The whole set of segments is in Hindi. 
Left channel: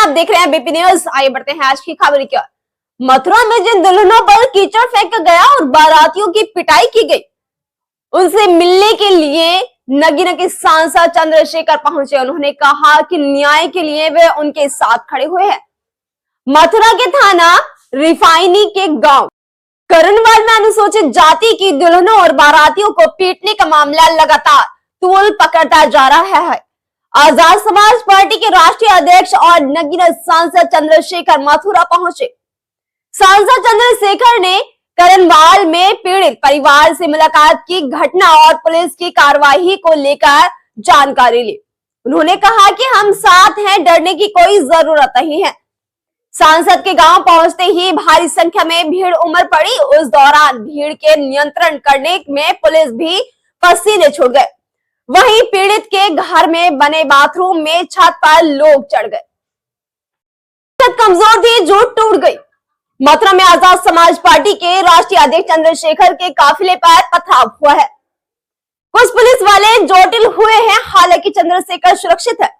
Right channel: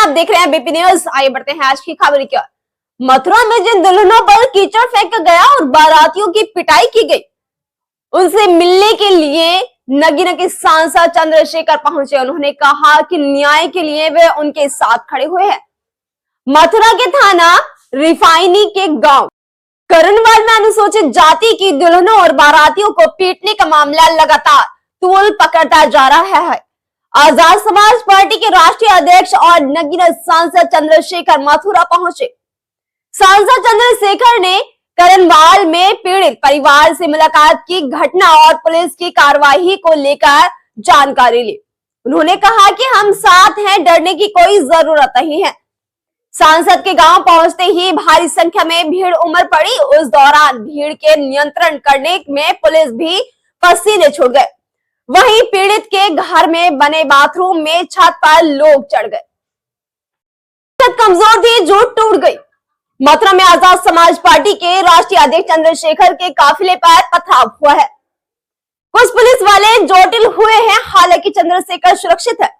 आप देख रहे हैं बीपी न्यूज। आइए बढ़ते हैं आज की खबर की ओर। मथुरा में जिन दुल्हनों पर कीचड़ फेंका गया और बारातियों की पिटाई की गई, उनसे मिलने के लिए नगीना के सांसद चंद्रशेखर पहुंचे। उन्होंने कहा कि न्याय के लिए वे उनके साथ खड़े हुए हैं। मथुरा के थाना रिफाइनी के गांव करणवाल में अनुसूचित जाति की दुल्हनों और बारातियों को पीटने का मामला लगातार तूल पकड़ता जा रहा है। आजाद समाज पार्टी के राष्ट्रीय अध्यक्ष और नगीना सांसद चंद्रशेखर मथुरा पहुंचे। सांसद चंद्रशेखर ने करणवाल में पीड़ित परिवार से मुलाकात की, घटना और पुलिस की कार्रवाई को लेकर जानकारी ली। उन्होंने कहा कि हम साथ हैं, डरने की कोई जरूरत नहीं है। सांसद के गांव पहुंचते ही भारी संख्या में भीड़ उमड़ पड़ी। उस दौरान भीड़ के नियंत्रण करने में पुलिस भी पसीने छूट गए। वहीं पीड़ित के घर में बने बाथरूम में छत पर लोग चढ़ गए। छत कमजोर थी, जो टूट गई। मथुरा में आजाद समाज पार्टी के राष्ट्रीय अध्यक्ष चंद्रशेखर के काफिले पर पथराव हुआ है। कुछ पुलिस वाले चोटिल हुए हैं, हालांकि चंद्रशेखर सुरक्षित है।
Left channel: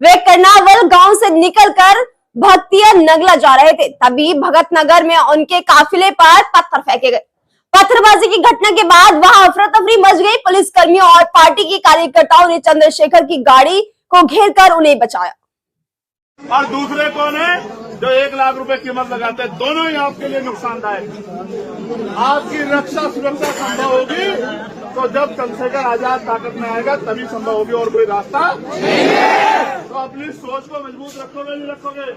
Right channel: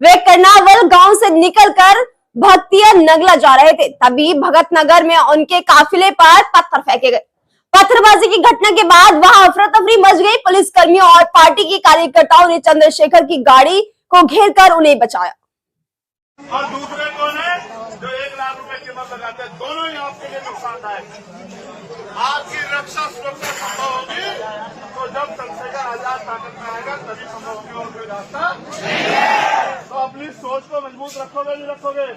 वे कर्नावल गांव से निकलकर भक्तिया नगला जा रहे थे, तभी भगत नगर में उनके काफिले पर पत्थर फेंके गए। पत्थरबाजी की घटना के बाद वहां अफरा तफरी मच गई। पुलिस कर्मियों और पार्टी के कार्यकर्ताओं ने चंद्रशेखर की गाड़ी को घेरकर उन्हें बचाया। और दूसरे कौन है जो 1 लाख रुपए कीमत लगाते हैं? दोनों ही आपके लिए नुकसानदायक। आपकी रक्षा सुरक्षा संभव होगी तो जब चंद्रशेखर आजाद ताकत में आएगा तभी संभव होगी, और कोई रास्ता तो अपनी सोच को मजबूत रखोगे नहीं रखोगे?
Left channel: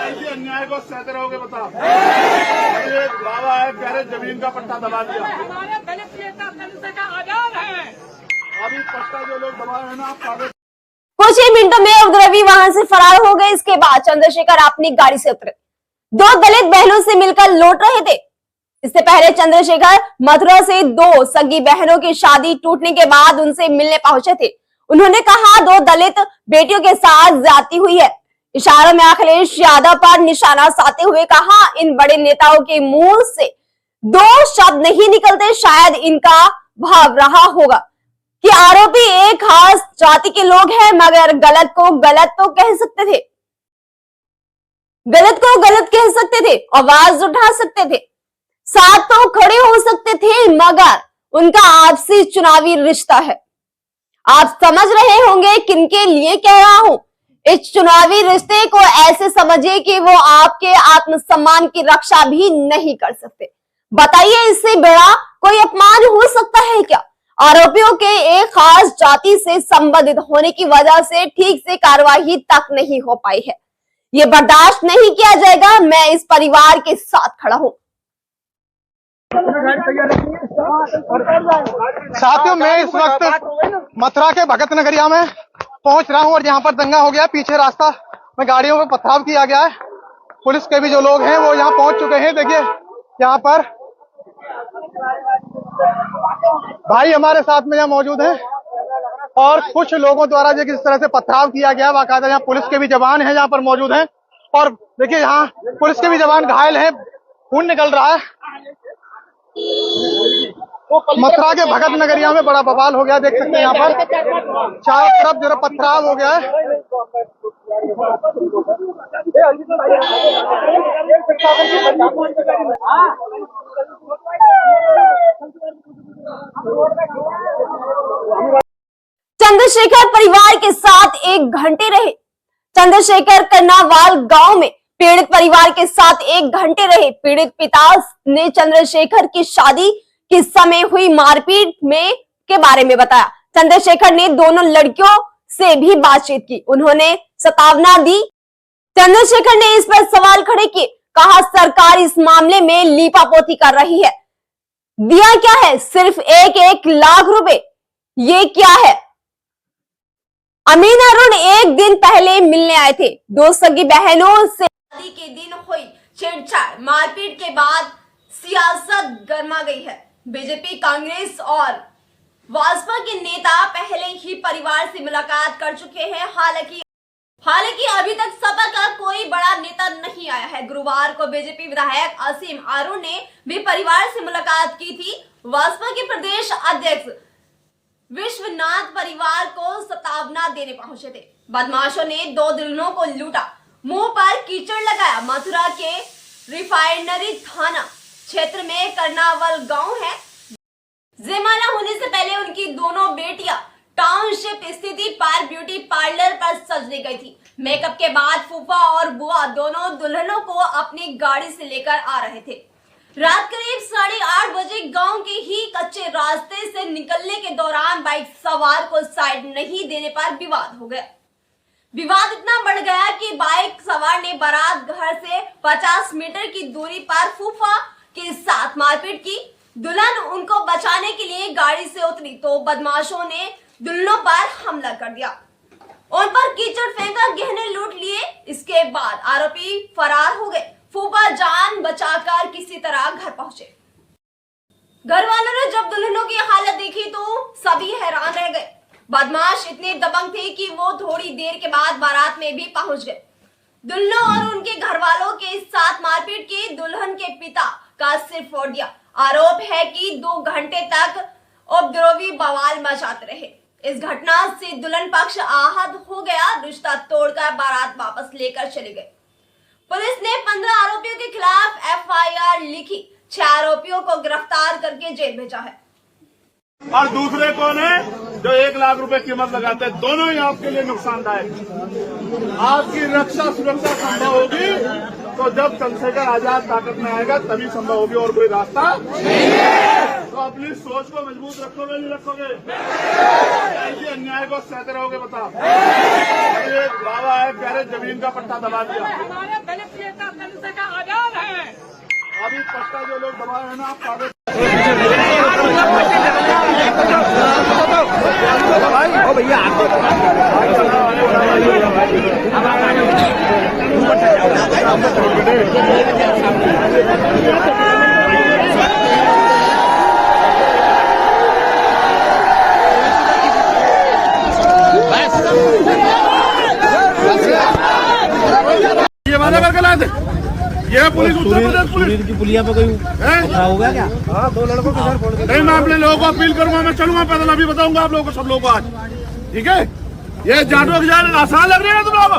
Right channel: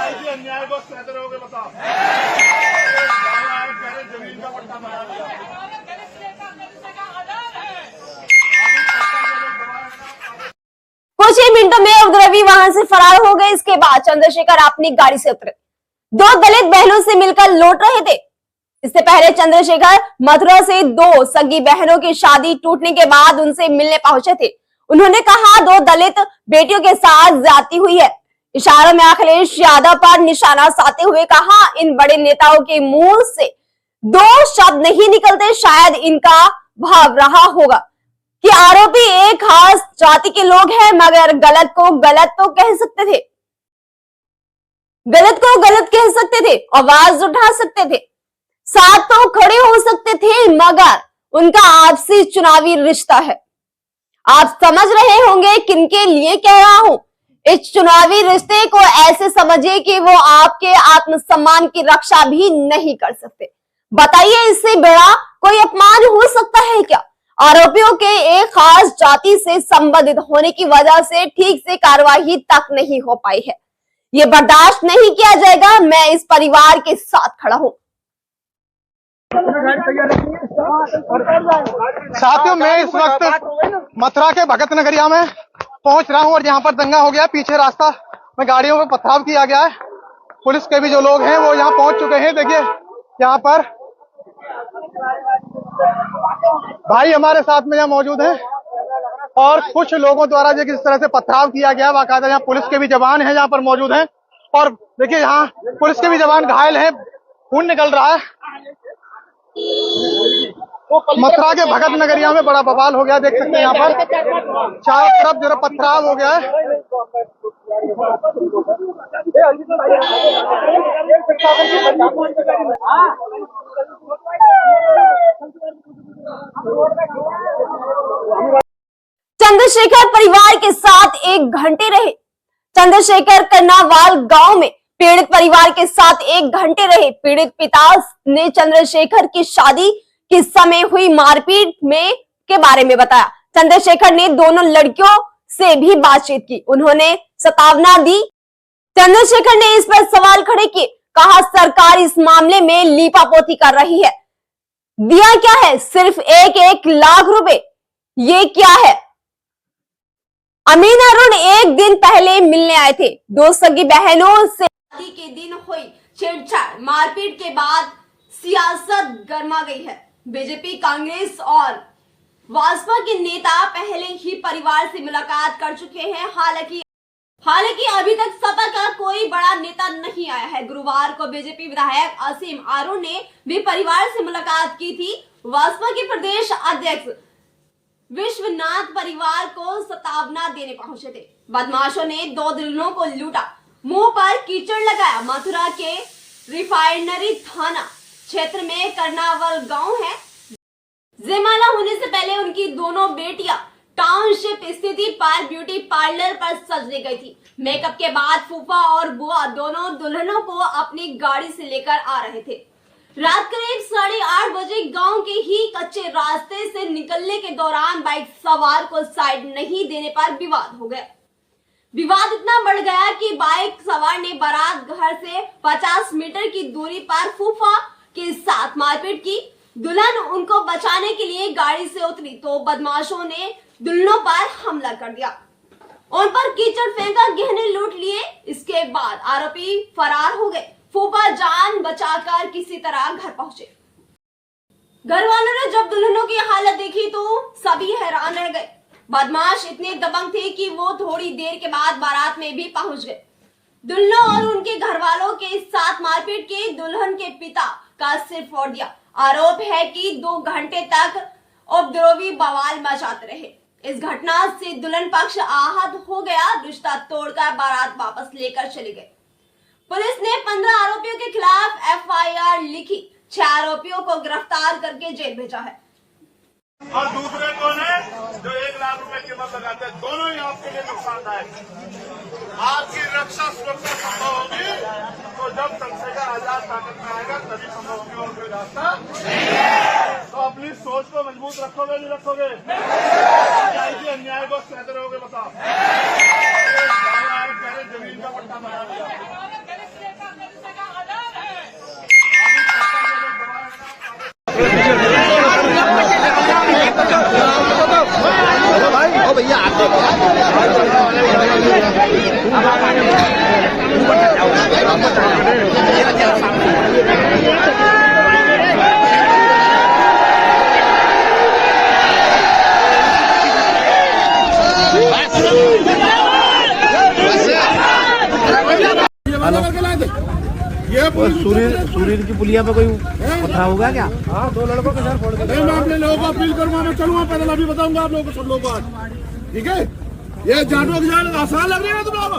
ऐसे अन्याय को सहते रहोगे? बताओ। एक दावा है प्यारे जमीन का पट्टा दबा दिया। हमारे दलित नेता चंद्रशेखर आजाद है। अभी पट्टा जो लोग दबाए हैं ना, आप कुछ ही मिनटों में उपद्रवी वहां से फरार हो गए। इसके बाद चंद्रशेखर अपनी गाड़ी से उतरे। 2 दलित बहनों से मिलकर लौट रहे थे। इससे पहले चंद्रशेखर मथुरा से 2 सगी बहनों की शादी टूटने के बाद उनसे मिलने पहुंचे थे। उन्होंने कहा 2 दलित बेटियों के साथ ज्यादती हुई है। इशारों में अखिलेश यादव पर निशाना साधते हुए कहा, इन बड़े नेताओं के मुंह से 2 शब्द नहीं निकलते। शायद इनका भाव रहा होगा कि आरोपी एक खास जाति के लोग हैं, मगर गलत को गलत तो कह सकते थे, गलत को गलत कह सकते थे, आवाज उठा सकते थे, साथ तो खड़े हो सकते थे, मगर उनका आपसी चुनावी रिश्ता है। आप समझ रहे होंगे किनके लिए कह रहा हूं। इस चुनावी रिश्ते को ऐसे समझिए कि वो आपके आत्मसम्मान की रक्षा भी नहीं कर सकते। बताइए, इससे बड़ा कोई अपमान हो सकता है क्या? आरोपियों के एक खास जाति से संबंधित होने की वजह से ठीक से कार्रवाई तक नहीं हो पाई है। ये बर्दाश्त नहीं किया जाएगा। मैं इस परिवार के साथ खड़ा हूं। साथियों, मैं इस वक्त मथुरा के भगत नगरिया में पहुंच रहा हूं और यहाँ पर दंगा हो गया। पीछे रास्ता में गाड़ियों में पथराव किया गया है। पुलिस के भी जो लोग हैं वो यहाँ पहुंच चुके हैं। देखिए, यहाँ पर भाई हमारे साथ में यहाँ मौजूद हैं और कुछ लोगों द्वारा जो किस तरह से पथराव किया गया, बाकायदा यहाँ पुलिस के भी जवान हैं यहाँ पर मौजूद हैं। और देखिए, यहाँ पुलिस के भी जवान घायल हैं, खून निकल रहा है। मथुरा के भगत नगरिया में बड़ा बवाल हो गया। देख सकते हैं यहाँ पर चारों तरफ जो पथराव हो गया है। चंद्रशेखर परिवार के साथ 1 घंटे रहे। चंद्रशेखर कर्नावाल गांव में पीड़ित परिवार के साथ 1 घंटे रहे। पीड़ित पिता ने चंद्रशेखर की शादी के समय हुई मारपीट में के बारे में बताया। चंद्रशेखर ने दोनों लड़कियों से भी बातचीत की। उन्होंने चेतावनी दी। चंद्रशेखर ने इस पर सवाल खड़े किए। कहा, सरकार इस मामले में लीपापोती कर रही है। दिया क्या है? सिर्फ 1 लाख रुपए। ये क्या है? अमीन अरुण 1 दिन पहले मिलने आए थे। 2 सगी बहनों से शादी के दिन हुई छेड़छाड़ मारपीट के बाद सियासत गर्मा गई है। बीजेपी, कांग्रेस और भाजपा के नेता पहले ही परिवार से मुलाकात कर चुके हैं। हालांकि अभी तक सपा का कोई बड़ा नेता नहीं आया है। गुरुवार को बीजेपी विधायक असीम अरुण ने भी परिवार से मुलाकात की थी। भाजपा के प्रदेश अध्यक्ष विश्वनाथ परिवार को सतावना देने पहुंचे थे। बदमाशों ने 2 दुल्हनों को लूटा, मुंह पर कीचड़ लगाया। मथुरा के रिफाइनरी थाना क्षेत्र में कर्नावल गांव है। जयमाला होने से पहले उनकी दोनों बेटियां टाउनशिप स्थित पार ब्यूटी पार्लर पर सजने गई थी। मेकअप के बाद फूफा और बुआ दोनों दुल्हनों को अपनी गाड़ी से लेकर आ रहे थे। रात करीब 8:30 बजे गांव के ही कच्चे रास्ते से निकलने के दौरान बाइक सवार को साइड नहीं देने पर विवाद हो गया। विवाद इतना बढ़ गया कि बाइक सवार ने बारात घर से 50 मीटर की दूरी पर फूफा के साथ मारपीट की। दुल्हन उनको बचाने के लिए गाड़ी से उतरी तो बदमाशों ने दुल्हनों पर हमला कर दिया, उन पर कीचड़ फेंका, गहने लूट लिए। इसके बाद आरोपी फरार हो गए। फूफा जान बचाकर किसी तरह घर पहुंचे। घर वालों ने जब दुल्हनों की हालत देखी तो सभी हैरान रह गए। बदमाश इतने दबंग थे कि वो थोड़ी देर के बाद बारात में भी पहुंच गए। दुल्हनों और उनके घर वालों के साथ मारपीट के दुल्हन के पिता का सिर फोड़ दिया। आरोप है कि 2 घंटे तक उपद्रवी बवाल मचाते रहे। इस घटना से दुल्हन पक्ष आहत हो गया। रिश्ता तोड़कर बारात वापस लेकर चले गए। पुलिस ने 15 आरोपियों के खिलाफ FIR लिखी। 6 आरोपियों को गिरफ्तार करके जेल भेजा है। और दूसरे कौन है जो 1 लाख रुपए कीमत लगाते हैं? दोनों ही आपके लिए नुकसानदायक। आपकी रक्षा सुरक्षा संभव होगी तो जब चंद्रशेखर आजाद ताकत में आएगा तभी संभव होगी, और कोई रास्ता तो अपनी सोच को मजबूत रखोगे नहीं रखोगे? ऐसे अन्याय को सहते रहोगे? बताओ। एक दावा है प्यारे जमीन का पट्टा दबा दिया। हमारे दलित नेता दलित का आजाद है। अभी पट्टा जो लोग दबाए हैं ना, आप कागज भैया ये बंदा करके लाए थे। ये पुलिस सूर्य की पुलिया पे कोई पथरा हो गया क्या? हाँ, 2 लड़कों के सर फोड़ दिया। नहीं, मैं अपने लोगों को अपील करूंगा, मैं चलूंगा पैदल, अभी बताऊंगा आप लोगों को, सब लोगों को आज। ठीक है, ये जाटों की जान आसान लग रही है ना तुम लोग?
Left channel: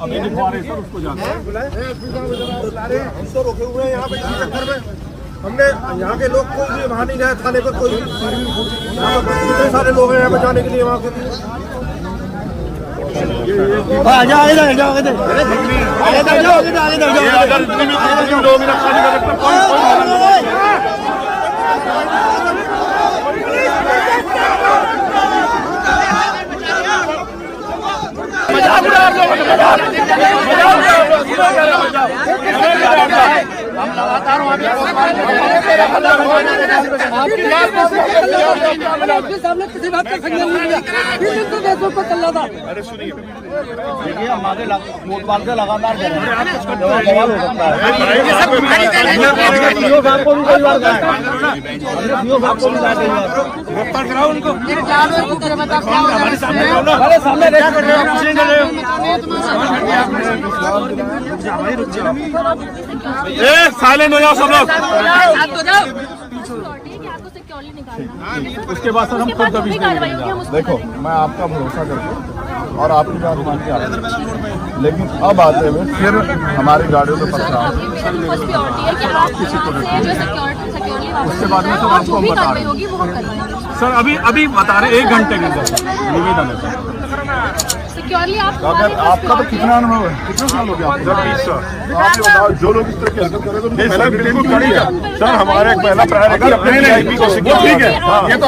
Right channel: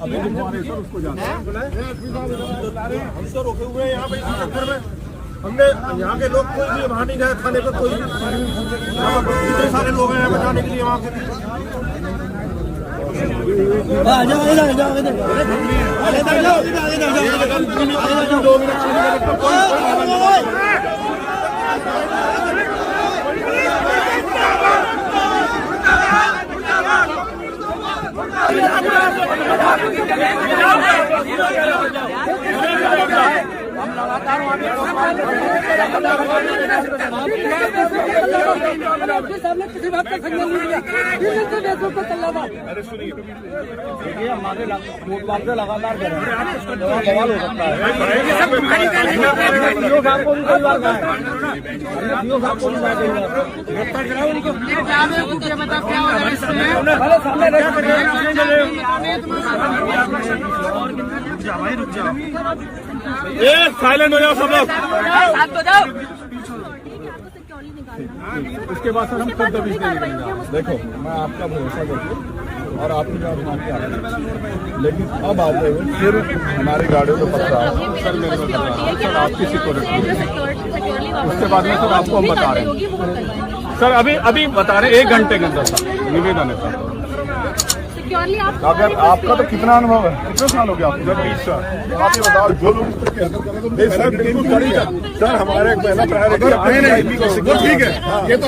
अभी दिखवा सर उसको जाना रोके हुए हैं यहाँ पे इसी चक्कर में। हमने यहाँ के लोग कोई भी वहाँ नहीं गए थाने पे, कोई कितने सारे लोग हैं यहाँ पे जाने के लिए वहाँ के। अगर इतनी लोग रक्षा नहीं कर सकते कोई सामने किसी बात का संज्ञान नहीं लिया। फेसबुक पर चल रहा था। अरे सुनिए, हमारे कोतवाल से लगातार साइलेंट हो जाओ सब लोग। शांत हो जाओ। उसके बाद सर हम खुद दबीज नहीं मिलेंगे। देखो, मैं आपका भरोसा करके और आपकी बात मान के आ रहा हूं, लेकिन अब आते हुए फिर हमारी गाड़ियों पे पथराव, सर मेरे को पथराव, सर आपकी सिक्योरिटी, उसके बाद में सर आपको हम बता रहे हैं सर, अभी बता रहे हैं 1 घंटे के अंदर सर निवेदन है सर। अगर आपका तो कितना अनुभव है, कितने साल हो गया आपको? सर 20 साल। तो आप ये बताओ, जो लोग इस तरह की हरकत करें तो पहला डिटेन क्यों नहीं है सर? हमारा एक पहला प्राइवेट, वो ठीक है, ये तो